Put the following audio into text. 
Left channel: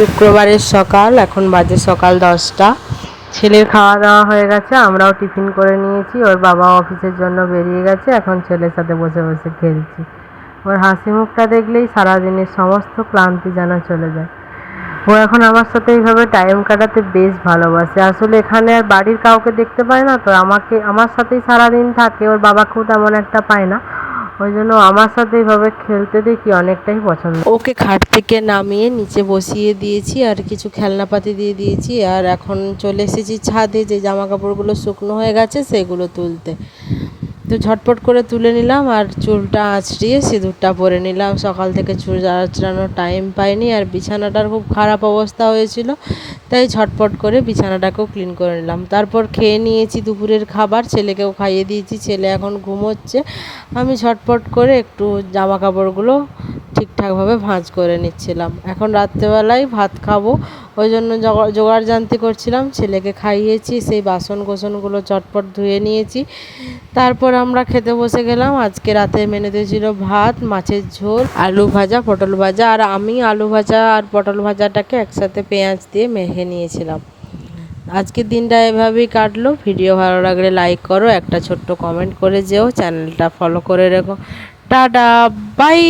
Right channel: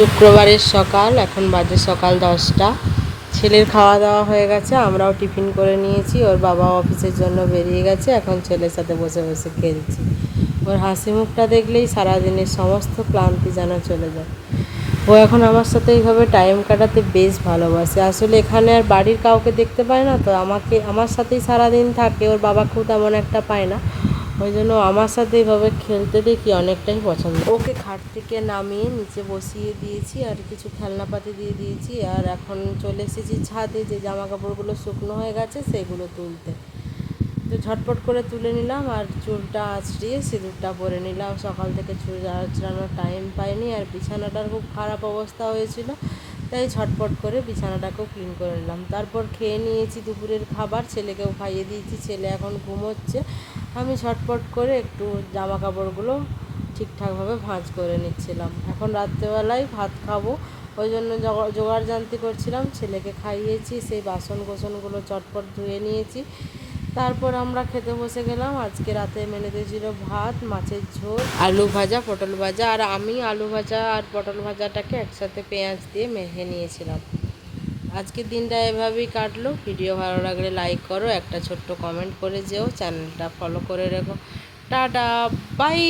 শুক্রবারের সকাল, এখন বাজে সকাল 10টা। ছেলের খাওয়া দাওয়া হয়ে গেছে, আমরাও টিফিন করে নিয়েছি। ওর বাবা অফিসের জন্য বেরিয়ে গেছে, এখন ছেলের সাথে বসে বসে খেলছি। ওর হাসি মুখটা দেখলেই সারাদিনের সমস্ত ক্লান্তি যেন চলে যায়। ও এখন আমার সাথে এইভাবে টাইম কাটাতে বেশ ভালোবাসে। আসলে এখানে আর বাড়ির কাউকে দেখতে পায় না, তো আমার সাথেই সারাদিন থাকে। ওর বাবাকেও তেমন একটা পায় না, ওই জন্য আমার সাথে এইভাবে খেলতে দেখি অনেকটাই পছন্দ। ওকে খাট থেকে নামিয়ে নিচে বসিয়ে দিয়েছি আর কিছু খেলনাপাতি দিয়ে দিয়েছি। আর এখন চলে এসেছি ছাদে, যে জামা কাপড়গুলো শুকনো হয়ে গেছে সেগুলো তুলতে। তো ঝটপট করে তুলে নিলাম আর চুলটা আঁচড়িয়ে সিঁদুরটা পরে নিলাম। সকাল থেকে চুল আঁচড়ানোর টাইম পাইনি, আর বিছানাটার খুব খারাপ অবস্থা হয়েছিল, তাই ঝটপট করে বিছানাটাকেও ক্লিন করে নিলাম। তারপর খেয়ে নিয়েছি দুপুরের খাবার, ছেলেকেও খাইয়ে দিয়েছি। ছেলে এখন ঘুমোচ্ছে। আমি ঝটপট করে একটু জামা কাপড়গুলো ঠিকঠাকভাবে ভাঁজ করে নিচ্ছিলাম। এখন রাত্রেবেলায় ভাত খাবো, ওই জন্য জোগাড় জান্তি করছিলাম। ছেলেকে খাইয়েছি, সেই বাসন কোসনগুলো চটপট ধুয়ে নিয়েছি। তারপর আমরা খেতে বসে গেলাম। আজকে রাতের মেনুতে ছিল ভাত, মাছের ঝোল, আলু ভাজা, পটল ভাজা। আর আমি আলু ভাজা আর পটল ভাজাটাকে একসাথে পেঁয়াজ দিয়ে মেখে নিয়েছিলাম। আজকের দিনটা এভাবেই কাটলো। ভিডিও ভালো লাগলে লাইক করো, একটা ছোট্ট কমেন্ট করে যেও, চ্যানেলটা ফলো করে রেখো। টাটা, বাই।